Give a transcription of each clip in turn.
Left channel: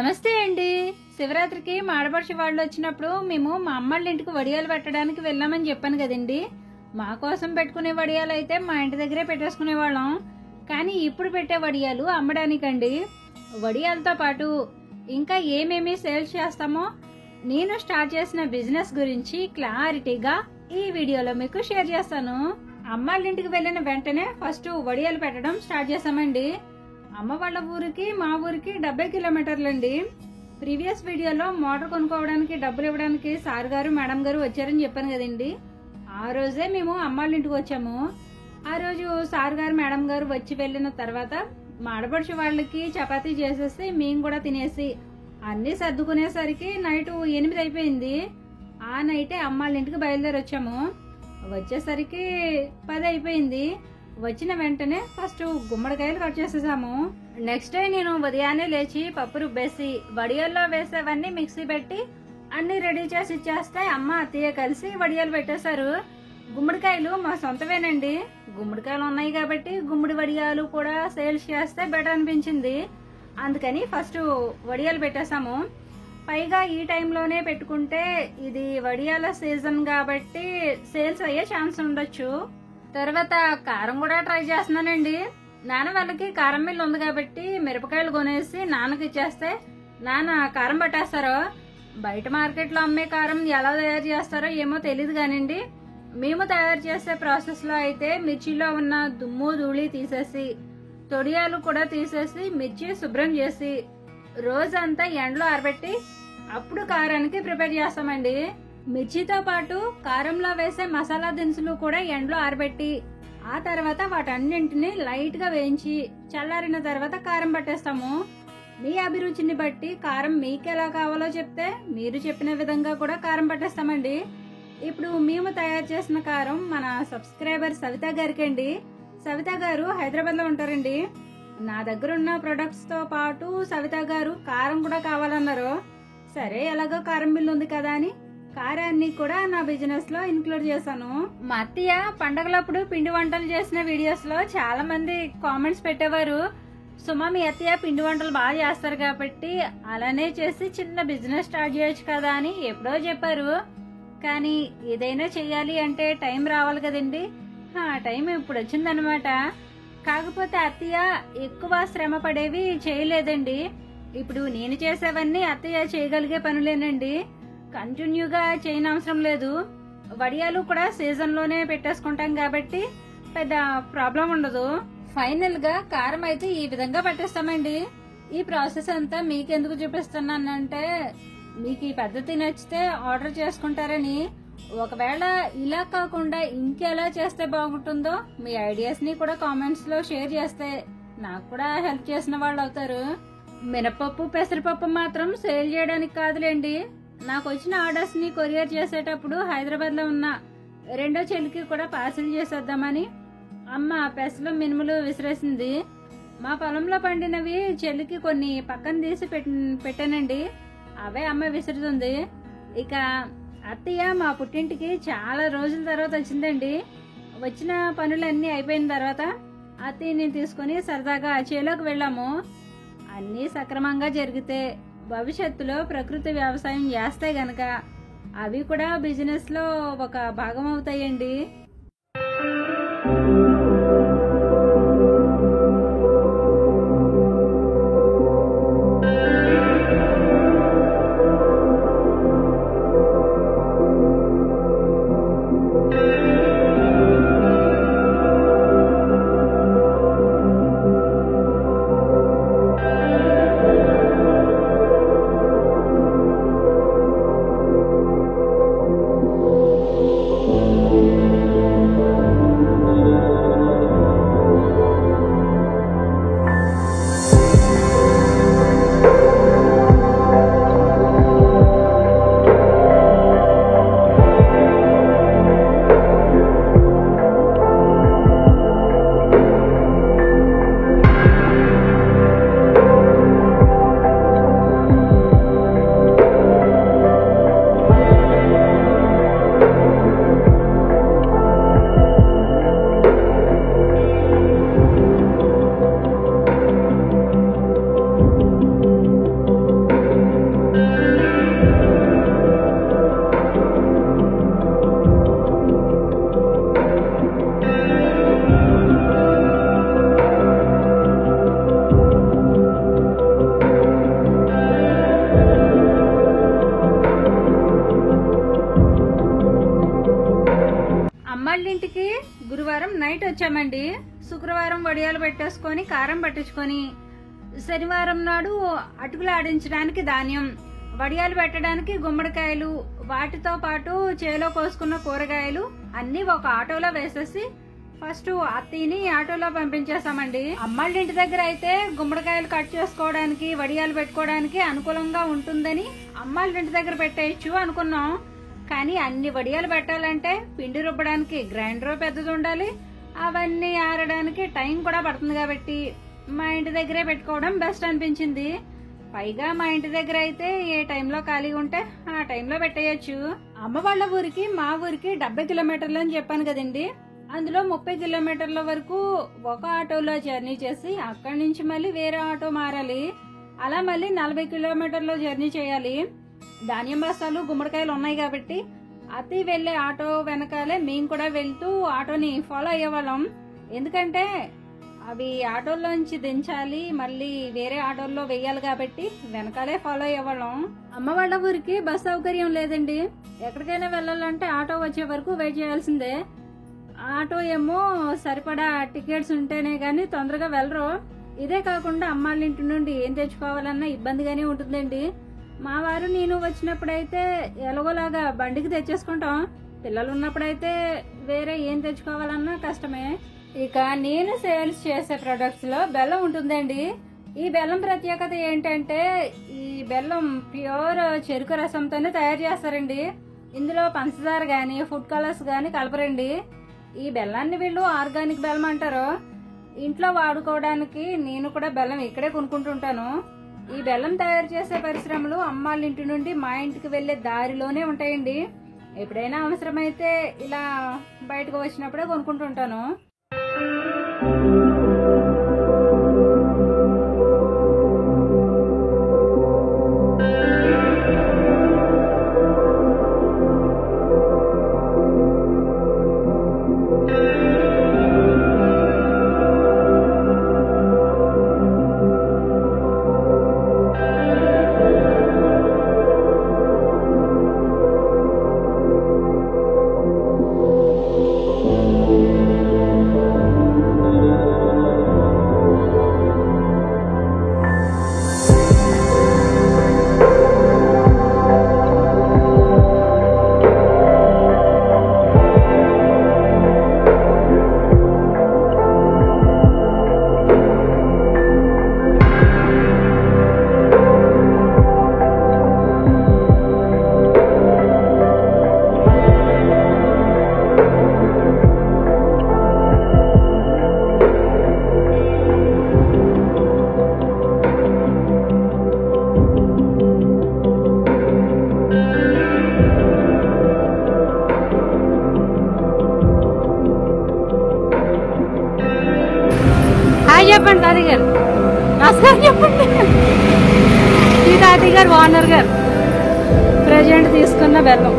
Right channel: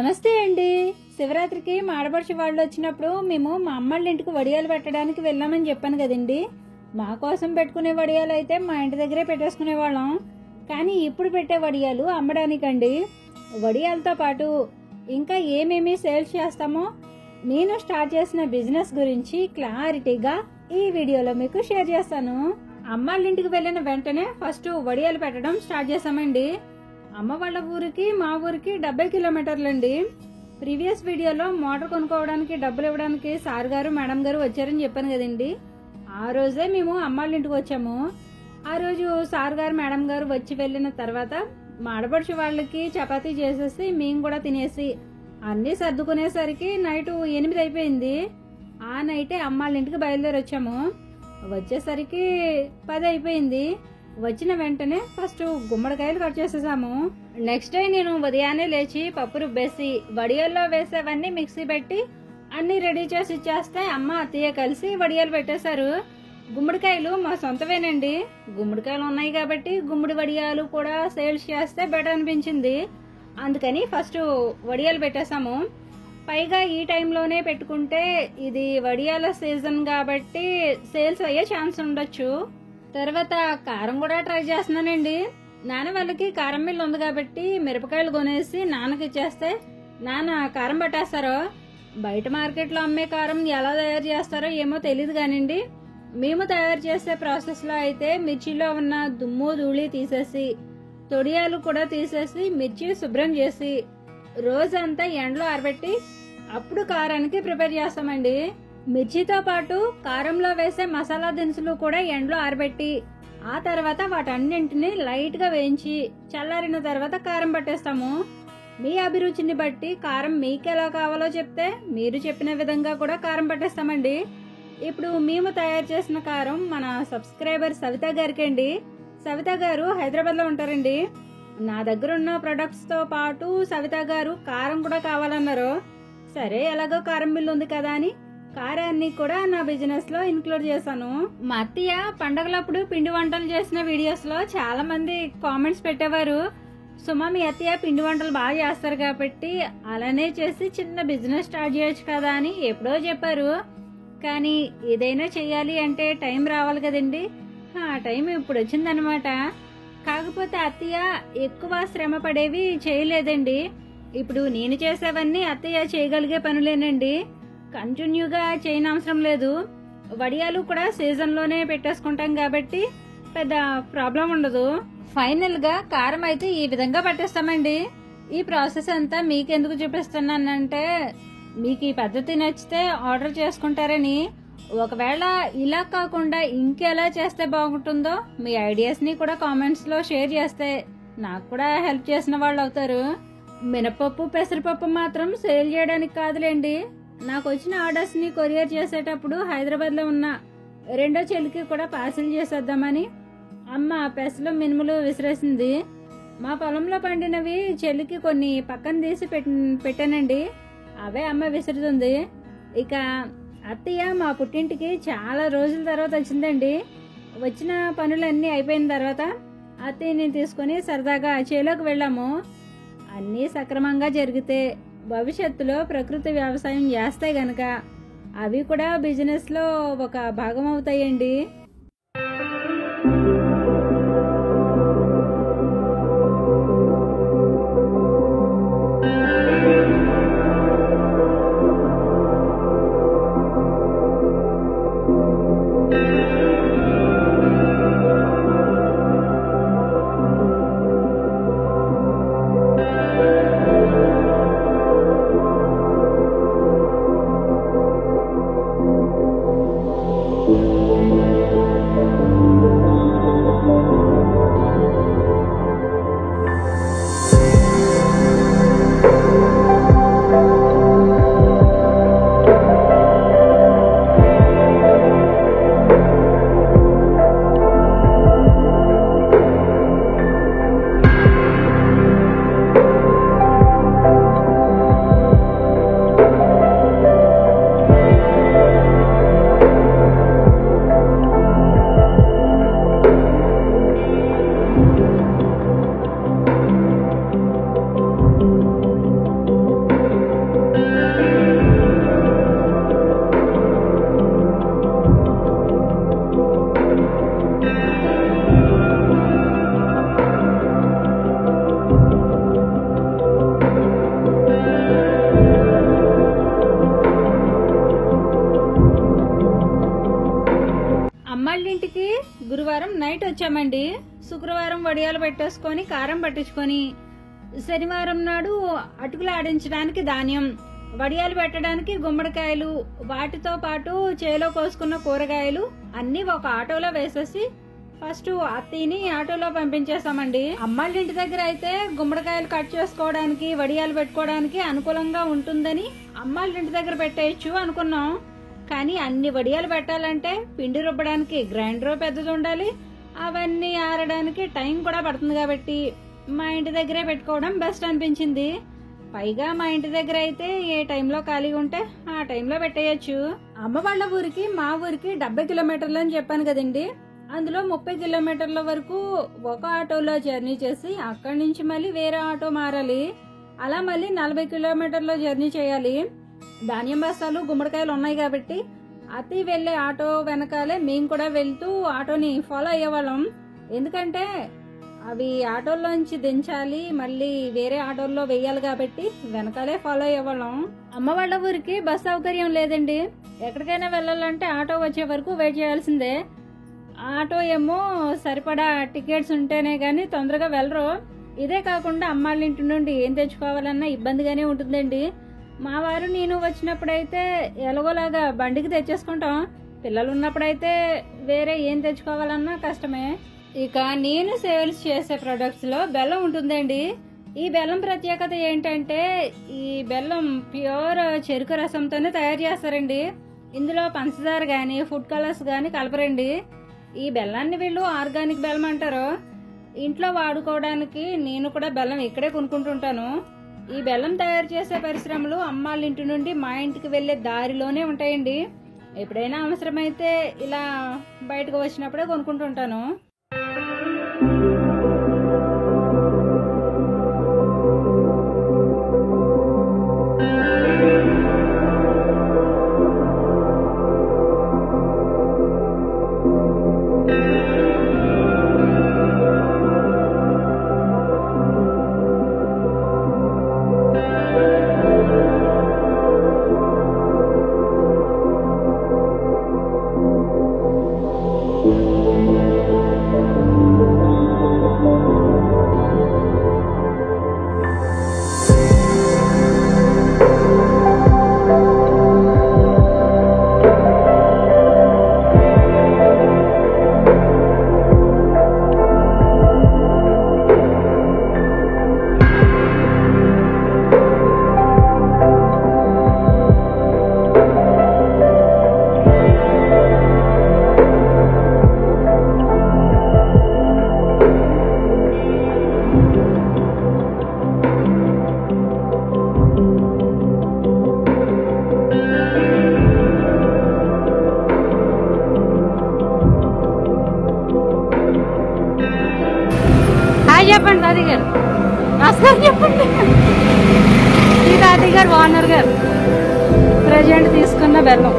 నమస్తే అండి. శివరాత్రికి మా ఆడపడుచు వాళ్ళు వచ్చినప్పుడు మేము మా అమ్మళ్ళ ఇంటికి వడియాలు పెట్టడానికి వెళ్ళామని చెప్పాను కదండి. మా కోసం పెట్టుకునే వడియాలు అయితే మా ఇంటి దగ్గరే పెట్టేసుకునే వాళ్ళం. కానీ ఇప్పుడు పెట్టే వడియాలు అమ్మడానికండి. వడియాలతో పాటు ఇంకా ఏమేమి సేల్స్ చేస్తామో నేను స్టార్ట్ చేసిన బిజినెస్ గురించి క్లారిటీగా ఈ వీడియోలో మీకు షేర్ చేస్తాను. అమ్మాళ్ళ ఇంటికి వెళ్ళిన వెంటనే ఫస్ట్ వడియాలు పెట్టడం స్టార్ట్ చేసామండి. అమ్మ వాళ్ళ ఊరికి మా ఊరికి 70 కిలోమీటర్లండి. ప్రీవియస్ వీడియోలో మోటార్ కొనుక్కోవడానికి డబ్బులు ఇవ్వడానికి సార్ గారు మేడం గారు వచ్చారని చెప్పాను కదండి. ఆ రోజే మేము అమ్మాళ్ళ ఇంటికి వచ్చాము. ఆ రోజు సార్ గారు మేడం గారు వచ్చి వెళ్ళిన తర్వాత మా ఆడపడుచు వాళ్ళకి చపాతీ చేసేసి మేము కూడా తినేసి అన్ని సర్దుకునేసరికి నైట్ 8 అయిపోయింది. ఆ నైటే అమ్మాళ్ళ ఇంటికి బయలుదేరి వచ్చాము. వచ్చేసరికి 10 అయిపోయింది. వచ్చిన వెంటనే ఫస్ట్ గుమ్మడికాయలు కట్ చేసేసాము. నెక్స్ట్ డే నేను ఉదయాన్నే లేచి పప్పు రుబ్బేసి వడియాల్లో వేసేవన్నీ మిక్సీ పెట్టి అన్ని రెడీ చేసి ఇచ్చేస్తే అమ్మ అత్తయ్య కలిసి వడియాలు పెట్టేశారు. గుమ్మడికాయలు మా సొంతవేనండి. గుమ్మడికాయలు ఉన్నాయి కాబట్టి గుమ్మడి వడియాలు కూడా సేల్స్ చేస్తే బెటర్ అనిపించింది. అందుకని ఫస్ట్ వడియాలు పెట్టేశాము. పైగా ఈ టైంలోనే పెట్టుకుంటే ఇది వడియాల సీజన్ కాబట్టి సేల్స్ అయ్యే ఛాన్స్ ఉండొచ్చు. తర్వాత కారం కూడా ట్రై చేస్తున్నానండి. నాన్న వాళ్ళకి కారం మిల్లు ఉంది కాబట్టి మిరపకాయలు కొనేసి నాన్నకి ఇచ్చేస్తే నాన్న కారం పట్టేస్తారో. బయట మార్కెట్లో అమ్మే కారం ఎలా తయారు చేస్తారో ఏమో తెలియదు కానివ్వండి. మేము తయారు చేసే ప్రాసెస్ లో అయితే మిర్చిలో ఉన్న దుమ్ము ధూళి తీసేసి తొడియాలు కూడా తీసేసి మిర్చి శుభ్రం చేసి రోజంతా ఎండలో ఆరబెట్టి అప్పుడు కారానికి ప్రిపేర్ చేస్తామండి. మిర్చితో పాటు కారంలో వేసే మసాలా దినుసులు కూడా ఎండలో ఆరబెట్టి ఆ తర్వాత వాటన్నింటినీ లైట్ గా వేయించి చల్లారిన తర్వాత కారం పట్టేస్తాము. మీ అభిరుచిని బట్టి కారం మీకెలా కావాలో చెప్తే మీరు చెప్పిన విధంగా కూడా కారం పట్టేస్తామండి. ఇప్పుడు మేము తయారు చేసిన కారం మన సబ్స్క్రైబర్ సవిత గారికి అండి. సవిత గారు హైదరాబాద్ లో ఉంటారండి. నా దగ్గర ఉన్న ప్రొడక్ట్స్ తో పాటు సవిత గారు కారం కూడా కావాలన్నారు. సరే ఎలాగో కారం బిల్లు ఉంది కదా అని కారాన్ని కూడా నా బిజినెస్ లో ఇంక్లూడ్ చేశాను. మా అత్తయ్య పండగలప్పుడు పిండి వంటలు చేసిన వీడియోస్ లో చాలా మంది కామెంట్స్ పెట్టేవారు, సుమా మీ అత్తయ్య పిండి వంటలు బాగా చేస్తారు కాబట్టి అలానే చేసి చిన్న బిజినెస్ స్టార్ట్ చేయొచ్చు కదా అని ఎప్పుడో చెప్పారు. కానీ ఏదైనా చెయ్యాలి అంటే టైం రావాలి కదండి. ఆ టైం ఇప్పుడు వచ్చిందనమాట. కాకపోతే అత్తయ్య ఎక్కువ శ్రమ పడేవి చేయలేదండి. ఇప్పుడు నేను చేసేవన్నీ అత్తయ్య చేయగలిగే పనులేనండి. కంటిన్యూగా చేయనవసరం లేదు. వడియాలు కూడా సీజన్ లోనే పెట్టేసుకుంటాం కాబట్టి పెద్ద ప్రాబ్లం ఉండదు. ఫైనల్ గా కారం అయితే ఈ విధంగా పట్టేస్తామండి. ఈ ప్రాసెస్ అంతా మీకెందుకు చూపిస్తున్నానంటే మీకు ఈ పద్ధతి నచ్చితే ఆర్డర్ చేసుకుంటారని. ఒకవేళ ఇలా కాకుండా ఇంకెలా చేస్తే బాగుంటుందో మీ ఐడియాస్ ని కూడా కామెంట్స్ లో షేర్ చేస్తే నాకు కూడా హెల్ప్ చేసిన వాళ్ళు అవుతారు. మినపప్పు పెసరపప్పు మాత్రం సేల్ చేయడానికి కాదులేండి. నాకు వచ్చిన ఆర్డర్స్ ని కొరియర్ చేసేటప్పుడు హైదరాబాద్ లో ఉన్న రెండో చెల్లికి కూడా పార్సిల్ చేసేద్దామని అమ్మ పెసలు మినుములు విసిరేసింది. మా పొలంలో పండినవి చెల్లికి కొన్ని పక్కన తీసి పెట్టానండి. అవే అమ్మ విసురుతుంది. ఇక అత్తయ్య మా పుట్టింటికి చాలా రోజుల తర్వాత వచ్చిందండి. వచ్చిన పనులన్నీ అయిపోయిన తర్వాత అత్తయ్యని తీసుకుని సరదాగా చేలోకి వెళ్ళాము. అన్నీ సక్రమంగా జరిగితే భవిష్యత్తులో ప్రకృతి వ్యవసాయం చేస్తే గనక అవి కూడా బిజినెస్ లో ఒక భాగం అవుతాయండి. నైట్ వచ్చామండి. శుక్రవారం వడియాలు పెట్టేసుకొని కారం పట్టించుకొని శనివారం నాడు అటుకులు ఆడించడానికి ధాన్యం, వడియాలు పెట్టడానికి గుమ్మడికాయలు, వాటితో పాటు చేలో కోసుకున్న కూరగాయలు అన్ని ఒక ఆటోలో వేసేసి ఫస్ట్ అత్తయ్యని ఆటోలో పంపించేసామండి. అమ్మాళ్ళ ఇంటి దగ్గర అయితే గుమ్మడికాయలు కట్ చేసుకోవడానికి వడియాలు పెట్టుకోవడానికి అనుకూలంగా ఉంటుందని అమ్మాళ్ళ ఇంటి దగ్గర పెట్టేయచ్చు అనుకున్నాం. కానీ అన్ని వడియాలు పెట్టాలంటే పిండి రుబ్బడానికి గ్రైండర్ పెద్దది ఉండాలి, అవన్నీ ఆరడానికి టైం కూడా పడుతుంది కాబట్టి మా ఇంటి దగ్గరే పెట్టుకోవడం బెస్ట్ అనిపించింది. పైగా మా ఇంటి దగ్గర అయితే ఏ టైంలో ఖాళీగా ఉంటే ఆ టైంలో పెట్టేయచ్చు. అమ్మ వాళ్ళ ఊరికి మా ఊరికి 70 కిలోమీటర్లు అని చెప్పాను కదండి. అందులో 30 కిలోమీటర్ల వరకు ఒక ఆటోలో జర్నీ చేసి అక్కడి నుంచి మళ్ళీ వేరే ఆటో మారాలి. అలా మళ్ళీ 40 కిలోమీటర్లు జర్నీ చేయాలి. ధాన్యం బస్తాలు గుమ్మడికాయలు ఉన్నాయి కాబట్టి అత్తయ్య వెళ్లే ఆటో వెనకాలే మేము కూడా వెళ్తూ ఆటోని ఫాలో అయ్యేవాళ్ళం. ఎందుకంటే అవి ఆటోల్లోంచి దించాలి, మళ్ళీ వేరే ఆటోల్లో వెయ్యాలి కాబట్టి వెనకాలే ఫాలో అయ్యేవాళ్ళం. అమ్మ వాళ్ళ ఊరికి బస్ సౌకర్యం లేదండి. ఎక్కడికైనా వెళ్ళాలంటే ఆటో వచ్చే వరకు వెయిట్ చేయాల్సిందే. ఆటో ఏమో సరిపడా టికెట్స్ ఉంటేనే గాని తొందరగా వెళ్ళరు. ఇదే కాకుండా అమ్మాళ్ళ ఇంటి నుండి ఏం తెచ్చుకోవాలన్నా ఇబ్బందిగానే ఉంటుందండి. మా వారు నేను వచ్చినప్పుడైతే ఎలాగోలాగా బండికి తెచ్చేసుకుంటాం. పిల్లలు ఉన్నప్పుడైతే వేరే ఏం తెచ్చుకోవాలన్నా కష్టమే. ఇక నేను సేల్స్ చేసే ప్రొడక్ట్స్ లో బెల్లం ఉంటుందండి. ఈ బెల్లం ప్రత్యేకత ఏంటంటే ఈ బెల్లం ప్యూర్ చెరుకు రసంతోనే తయారు చేస్తారండి. ఇందులో పంచదార గాని ఫుడ్ కలర్స్ గాని కలపరండి. ఈ బెల్లాన్ని వీళ్ళు ఆర్గానిక్ బెల్లం అంటారు. ఇంట్లో వాడుకోవడానికి నేను కూడా బెల్లం ఇక్కడే కొనుక్కుంటుంటాను. ఈ బెల్లం తయారు చేసే పరిశ్రమలు అమ్మాళ్ళ ఇంటి నుండి మా ఇంటికి వెళ్లే దారిలోనే ఉంటాయండి. ఎప్పుడైనా అవసరమైతే ఇలా బయటకు వచ్చినప్పుడే కొనుక్కుంటుంటాను. చెప్పండి తాతయ్య గారు, రాజుగారు చెప్పండి. ఈ తాతయ్య గారు ఓనర్ గారు ప్రజెంట్ తీసుకున్న బెల్లం.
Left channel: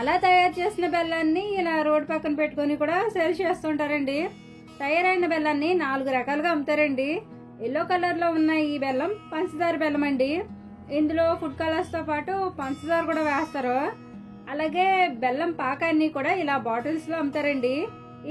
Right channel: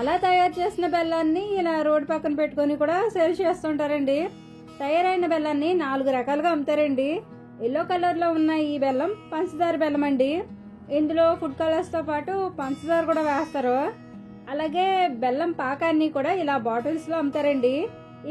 అలా తయారు చేసిన బెల్లాన్ని ఇలా రోడ్డు పక్కన పెట్టుకుని కూడా సేల్ చేస్తుంటారండి. తయారైన బెల్లాన్ని 4 రకాలుగా అమ్ముతారండి. ఎల్లో కలర్ లో ఉన్న ఈ బెల్లం పంచదార బెల్లం అండి. ఇందులో ఫుడ్ కలర్స్ తో పాటు పంచదార కూడా వేస్తారు. అలాగే బెల్లం పాకాన్ని కూడా ఇలా బాటిల్స్ లో అమ్ముతారండి.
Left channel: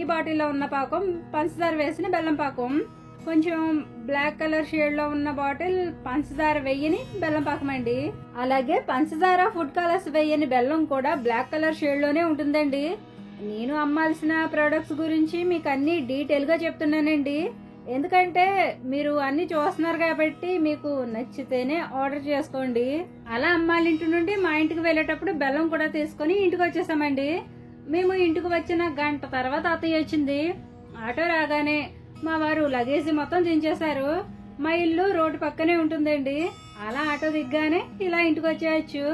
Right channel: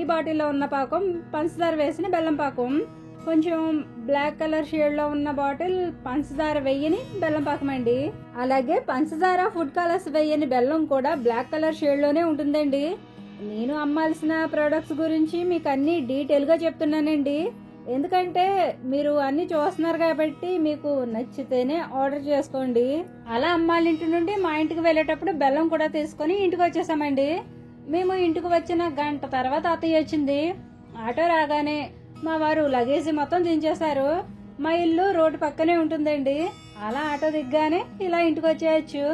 ఈ బాటిల్లో ఉన్న పాకం పంచదార వేసిన బెల్లం పాకం. కొంచెం బ్లాక్ కలర్ షేడ్ లో ఉన్న బాటిల్ పంచదార వెయ్యని బెల్లం పాకం అండి. అలాగే పంచదార ఫుడ్ కలర్స్ వెయ్యని బెల్లం కూడా బ్లాక్ కలర్ షేడ్ లోనే ఉంటుందండి. నేను అమ్మాల్సిన ప్రొడక్ట్స్ గురించి మీకు అన్ని డీటెయిల్ గా చెప్తున్నానండి. ఎందుకంటే మీరు అన్ని చూస్తున్నారు కాబట్టి మీకు నచ్చితేనే ఆర్డర్ చేసుకోండి. అలా అమ్మాళ్ళ ఇంటి నుండి మా ఇంటికి వెళ్లేటప్పుడు బెల్లం కూడా తీసుకుని ఇంటికి వచ్చేసామండి. మేము ఇంటికి వచ్చిన గంట తర్వాత అత్తయ్య వచ్చింది. ఆటో రాగానే మా వారు లగేజీ మొత్తం దించేశారు. మా ఇల్లు రోడ్డు పక్కనే ఉంటుందండి. అలా ఆటో దిగ్గానే ఇలా ఇంటికి వచ్చేయచ్చు.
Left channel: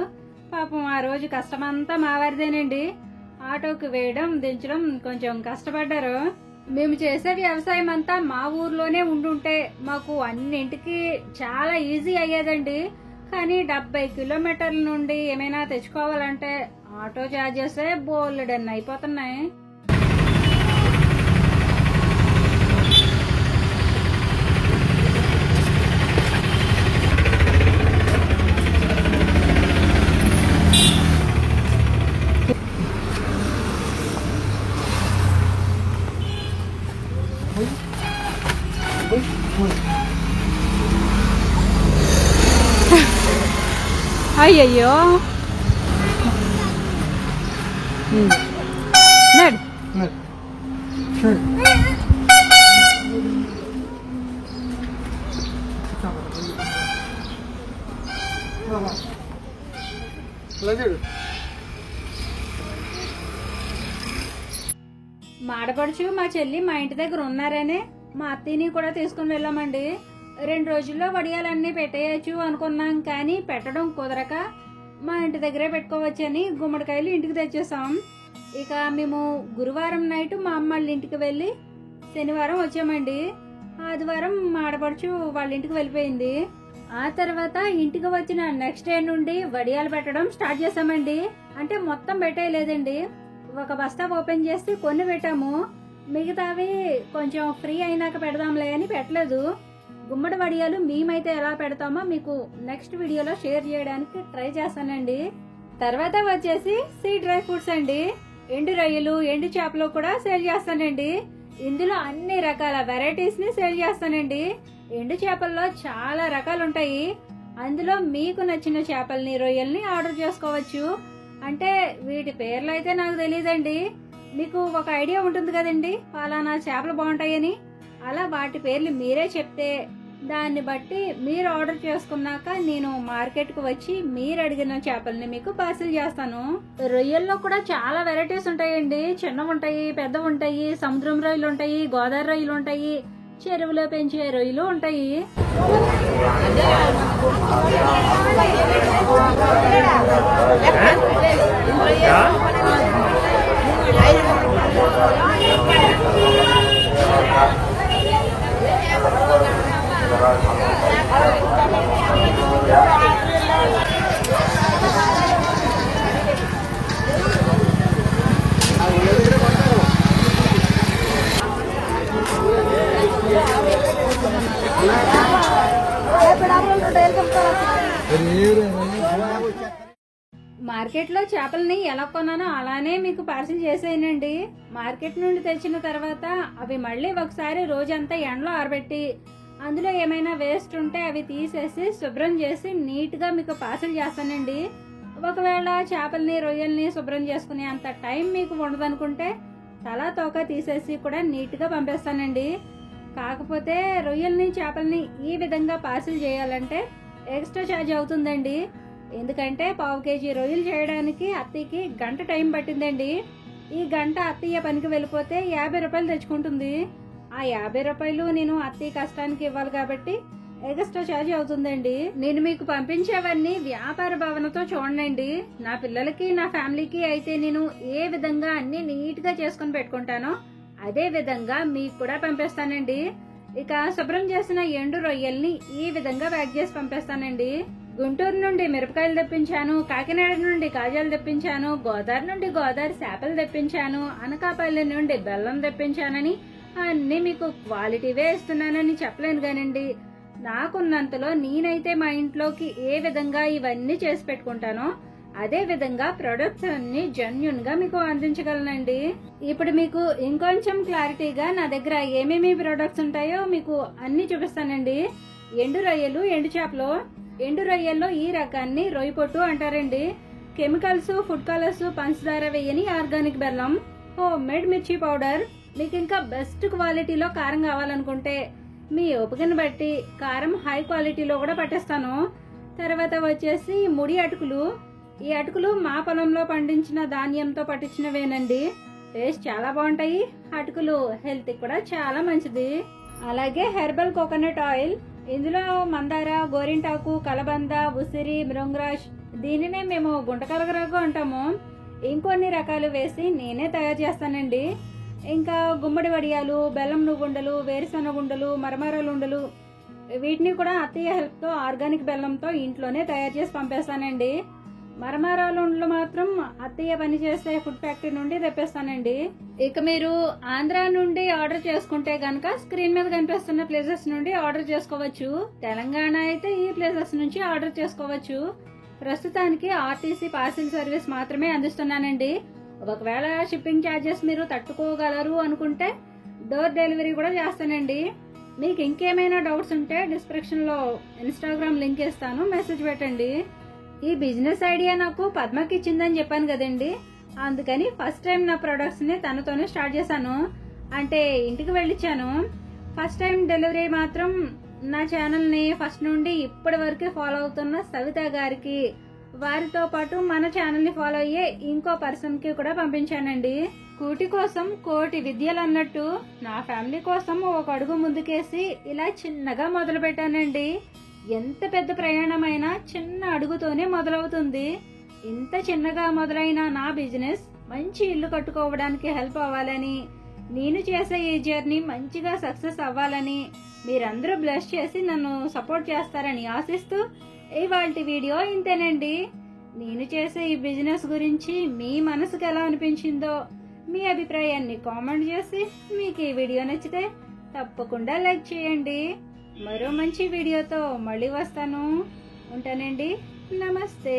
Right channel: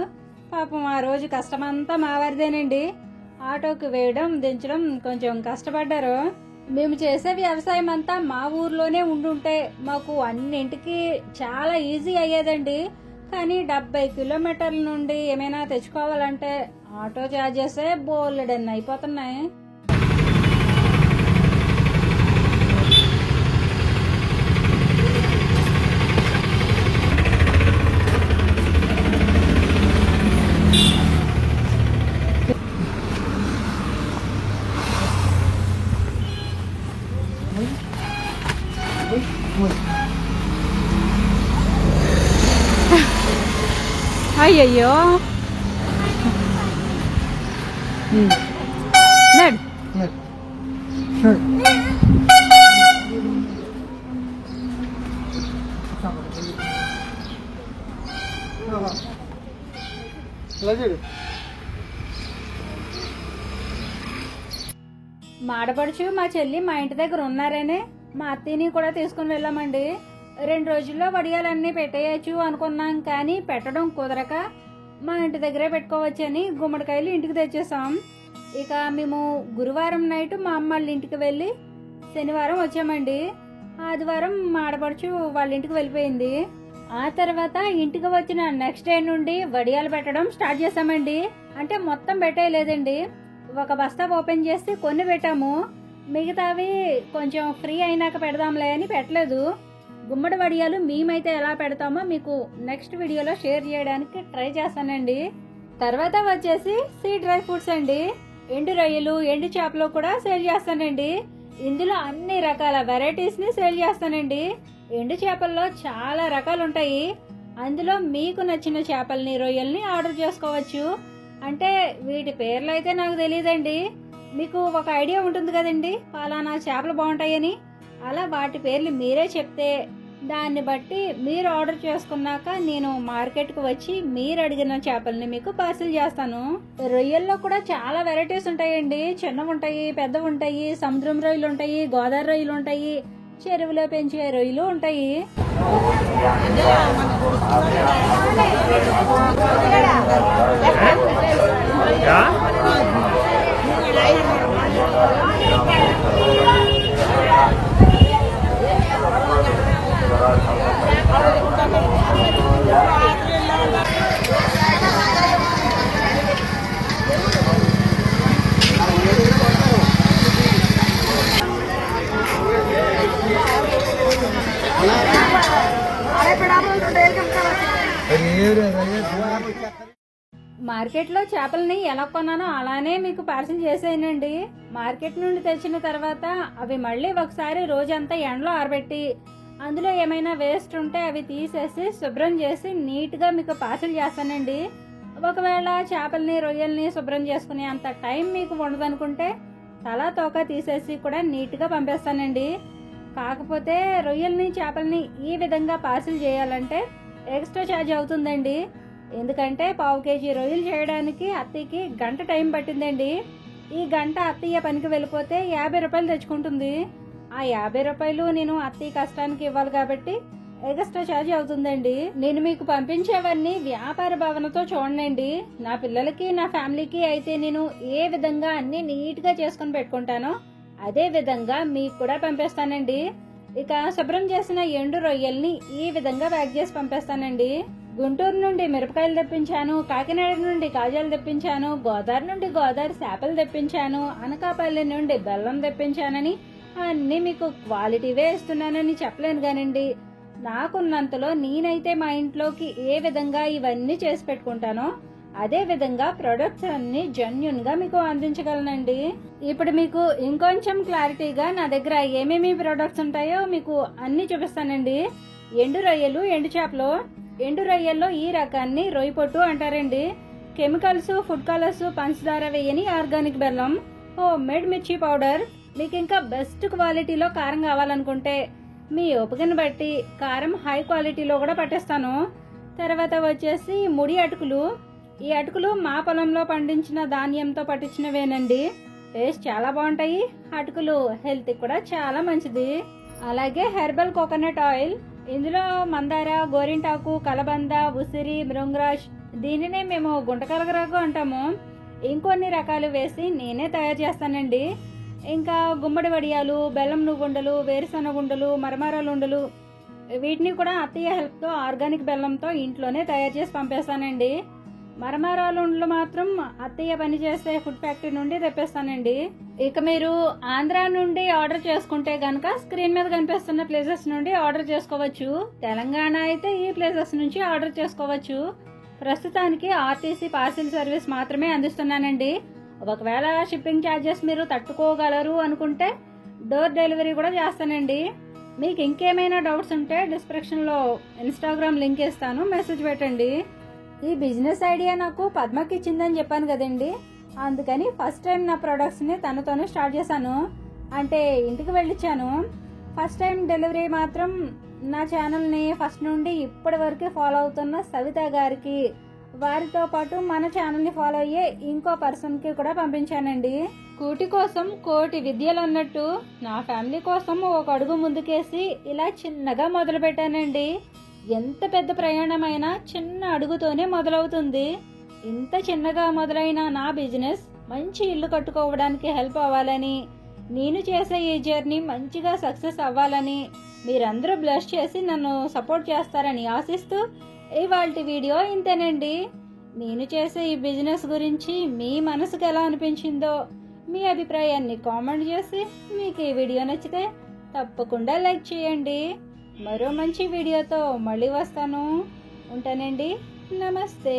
పాపం ఆ రోజు కష్టమంతా మా వారిదేనండి. ఆటోకి వేయడం దించడం కొంచెం కష్టపడ్డారు. మేము చేసే వ్యవసాయం అంతా మా ఊర్లోనే ఉండుంటే మాకు అన్నింటికి చాలా ఈజీ అయ్యేదండి. కానీ 70 కిలోమీటర్ల నుండి ఏమైనా తెచ్చుకోవాలంటే ఆటో చార్జెస్ బోలెడన్ని అయిపోతున్నాయి. అయ్యయ్యో నడు మా ఆడపడుచు మా చెల్లి మా ఇంటి దగ్గర ఉన్నారనే మా అత్తయ్యని కూడా తీసుకుని వెళ్ళామండి. 2 రోజుల్లో వడియాలన్నీ పెట్టేయచ్చు అనుకున్నాం, కానీ పెట్టడం కుదరక మా ఇంటి దగ్గరే పెట్టుకోవచ్చని గుమ్మడికాయలు ఇంటికి తెచ్చేసాం. ఇక మేము గురువారం నైట్ మా అమ్మ వాళ్ళ ఇంటికి వెళ్ళి శనివారం వచ్చామండి. ఆదివారం మా ఆడపడుచు వాళ్ళ ఇంటికి వెళ్ళిపోయింది. ఆ తర్వాత ఇంటికి వచ్చిన నెక్స్ట్ డే నుండి వడియాలు పెట్టడం స్టార్ట్ చేసామండి. అంటే మొత్తం పెట్టేయలేదండి, ఒక బస్తా ఓపెన్ చేసి కొన్ని పెట్టాము, మిగతావి కొంచెం ఫ్రీ అయినాక పెడదాంలే అని పెట్టలేదు. గుమ్మడి వడియాలు మేమైతే ఎలా పెడతామో మీకు నెక్స్ట్ వీడియోలో షేర్ చేయడానికి ట్రై చేస్తానండి. తర్వాత వచ్చేసి సీ డ్రై ఫ్రూట్స్ అండి. ఎండు రొయ్యలు, ఎండు చేపలు కూడా సేల్ చేస్తానండి. ఇందులో అన్ని రకాల వెరైటీస్ ని సేల్ చేస్తానండి. ఎండు చేపల్లో చాలా రకాలు ఉంటాయి. అందులో మీకు నచ్చిన చేపల్ని, రొయ్యల్ని ఆర్డర్ చేసుకోవచ్చు. అంటే వీటి పేర్లు అయితే నాకు తెలియదండి, మీకు ఒక ఐడియా ఉంటుంది కదండి పలానా చేపలు బాగుంటాయని. అలా వాటి పేర్లు మీరే చెప్తే దాన్ని బట్టి మీరు ఆర్డర్ చేసుకున్నాక నేను మార్కెట్కు వచ్చి మీరు అడిగిన చేపల్ని మీకు పార్సిల్ చేస్తాను. రొయ్యల్లో కూడా చాలా వెరైటీస్ ఉంటాయండి. చిన్నవి ఉంటాయి, పెద్దవి ఉంటాయి, సముద్రం రొయ్యలు ఉంటాయి, గోదావరి రొయ్యలు ఉంటాయి, చెరువులో పెంచే రొయ్యలు ఉంటాయి. మార్కెట్ లో చేపల్ని ఎలా కొన్నానో అలానే మీకు పార్సిల్ చేసేయనండి. మార్కెట్ నుండి తెచ్చిన తర్వాత అవి మళ్ళీ ఒకసారి రోజంతా ఎండలో ఆరబెట్టి అందులో ఏమైనా వేస్ట్ ఉంటే అవి తీసేసి శుభ్రం చేసి నీట్ గా మీకు పార్సిల్ చేస్తానండి. ఒకవేళ చేపల్ని, రొయ్యల్ని శుభ్రం చేసుకునే అంత టైం మీకు ఉండదనుకుంటే తలా తోక తీసేసి కూడా నీట్ గా పంపేస్తానండి. కాకపోతే రొయ్యల్ని, చేపల్ని ఈ విధంగా పార్సిల్ చేయాలంటే ఎక్స్ట్రా ఛార్జ్ అవుతుందండి. ఎందుకంటే 1/2 kg రొయ్యలు చేయడానికి అత్తయ్యకి గంట టైం పట్టిందండి. ఈ గంట అత్తయ్య పనికి వెళ్ళిపోతే 50 రూపాయలు తెచ్చుకుంటుంది. ఆ 50 రూపాయలు నేను అత్తయ్య కష్టానికి ఇవ్వాలి కాబట్టి ఎక్స్ట్రా ఛార్జ్ అవుతుందండి. నేను మీకు పంపించేవన్నీ వ్యాపార భావనతో చూడండి. నా పిల్లలకి, నా ఫ్యామిలీకి అయితే నేను ఏ విధంగా అన్ని నీట్ గా చేసుకుని పెట్టుకుంటానో అదే విధంగా మీకు కూడా పంపిస్తానండి. ఇక శుభ్రం చేసిన ఎండు రొయ్యల్ని ఈ విధంగా ప్యాక్ చేసి పంపిస్తానండి. గుంటూరు నుండి మిరపకాయలు తెప్పించాను, కాకినాడ నుండి కాజాలు తెప్పించాను, గోదావరి నుండి గోదావరి చేపలు తెప్పించాను, అనకాపల్లి నుండి బెల్లం తెప్పించానని అన్ని మీకు క్వాలిటీవే ఇస్తున్నానని చెప్పలేను కానండి. నాకున్నంతలో నేనైతే మా ఇంట్లోకి ఏ విధంగా ఇవన్నీ చేసి పెట్టుకుంటానో అదే విధంగా ప్రొడక్ట్స్ అన్ని జెన్యూన్ గా మీకు అందించగలనండి. ఇప్పుడు మీకు ఇంకొంచెం క్లారిటీగా నా దగ్గర ఏమేమి ప్రొడక్ట్స్ ఉంటాయో మీకు అన్ని చూపిస్తానండి. ఎండు రొయ్యలు, ఎండు చేపలు. ఎండు రొయ్యల్లో ఈ రకాన్ని రొయ్య పొట్టు అంటారండి. కెమికల్స్, ఫుడ్ కలర్స్, పంచదార వేయని ఆర్గానిక్ బెల్లం, హోమ్ మేడ్ మిర్చి పౌడర్. మీకు ఇంకా బెస్ట్ క్వాలిటీలో కారం కావాలనుకుంటే మీ ఓపికను బట్టి కారం హై క్వాలిటీలో కూడా పట్టిస్తాను. తర్వాత వచ్చేసి ముడి అటుకులు. ఈ అటుకులు మా పొలంలో పండించిన ధాన్యంతో పట్టించినవేనండి. టేస్ట్ చాలా బాగుంటాయి. అటుకులు హెల్త్ కూడా చాలా మంచిది. అలాగే హెర్బల్ కోకోనట్ ఆయిల్. ఇందులో మందార, గోరింటాకు, కలబంద, ఉసిరి, మృంగరాజ్, దీనినే మేము గుంటకలగరాకు అంటాము, ఇంకొన్ని రకాలు వేసి నేనే తయారు చేస్తానండి. ఇంకా గుమ్మడి వడియాలు, బెల్లం నువ్వుండలు, వేరుశనగ ఉండలు, మరమరాలు ఉండలు, వీటిని కూడా అత్తయ్య హెల్ప్ తో ఆర్గానిక్ బెల్లంతో ఇంట్లోనే తయారు చేసి పంపేస్తానండి. మరమరాలు ఉండలు మాత్రం అత్తయ్య పనిచేసే ఫుడ్ ఫ్యాక్టరీ నుండి తెప్పిస్తానండి. ఇక మీరు ఆంధ్ర నుండి ఆర్డర్ చేసుకుంటే గనక స్క్రీన్ మీద కనిపిస్తున్న ప్లేసెస్ నుండి ఆర్డర్ చేసుకోవచ్చు. తెలంగాణ అయితే ఈ ప్లేసెస్ నుంచి ఆర్డర్ చేసుకోవచ్చు. ప్రస్తుతానికి ఆర్టీసీ పార్సిల్ సర్వీస్ మాత్రమే అందిస్తున్నానండి. ఒకవేళ షిప్పింగ్ ఛార్జెస్ మీరు తట్టుకోగలరు అనుకుంటే డోర్ డెలివరీ కూడా చేస్తానండి. మీకు ఇంకేమైనా డౌట్స్ ఉంటే డిస్క్రిప్షన్లో ఇన్స్టాగ్రామ్ లింక్ ఇస్తాను, మెసేజ్ పెట్టండి. ఈ బిజినెస్ ఐడియా నాకు పద్మకి ఇచ్చిందని చెప్పాను కదండి, అందుకని ఫస్ట్ టైం నా ప్రొడక్ట్స్ని తనతోనే స్టార్ట్ చేశాను. అంటే ఇంటికి వెళ్ళిచ్చాను. ఫస్ట్ టైం డెలివరీ మాత్రం నా ఛానల్ని ఫస్ట్ నుండి ఇప్పటి వరకు ఫాలో అవుతున్న సవిత గారికి, వారితో పాటు మన ఛానల్ని ఫాలో అయ్యే ఇంకో పర్సన్కి కూడా పంపించానండి. కూటి కోసం కోటి విద్యలు అన్నట్టు నా ఫ్యామిలీ కోసం ఒక అడుగు ముందుకేసి ఇలా చిన్నగా మొదలు పెట్టానండి. ఎంత పెద్ద ప్రయాణమైనా చిన్న అడుగుతోనే మొదలవుతుంది. ఇంత చిన్నగా మొదలైన నా బిజినెస్ మంచి ఇల్లు కట్టుకోవడానికి హెల్ప్ అవ్వాలని, నేను చేసే ఈ జర్నీ మంచిగా సక్సెస్ అవ్వాలని మీరందరూ బ్లెస్ చేసి నన్ను సపోర్ట్ చేస్తారని ఆశిస్తూ ఇవాల్టి వీడియో ఇంతేనండి. నేను చేసే ఈ బిజినెస్ గురించి మీ మనసుకు ఎలా అనిపించిందో మీ అభిప్రాయాన్ని కామెంట్ చేసి, మీకు ఈ వీడియో నచ్చితే తప్పకుండా లైక్ చేయండి. మరో మంచి వీడియోతో మళ్ళీ వస్తాను. ఉంటానండి. నమస్తే.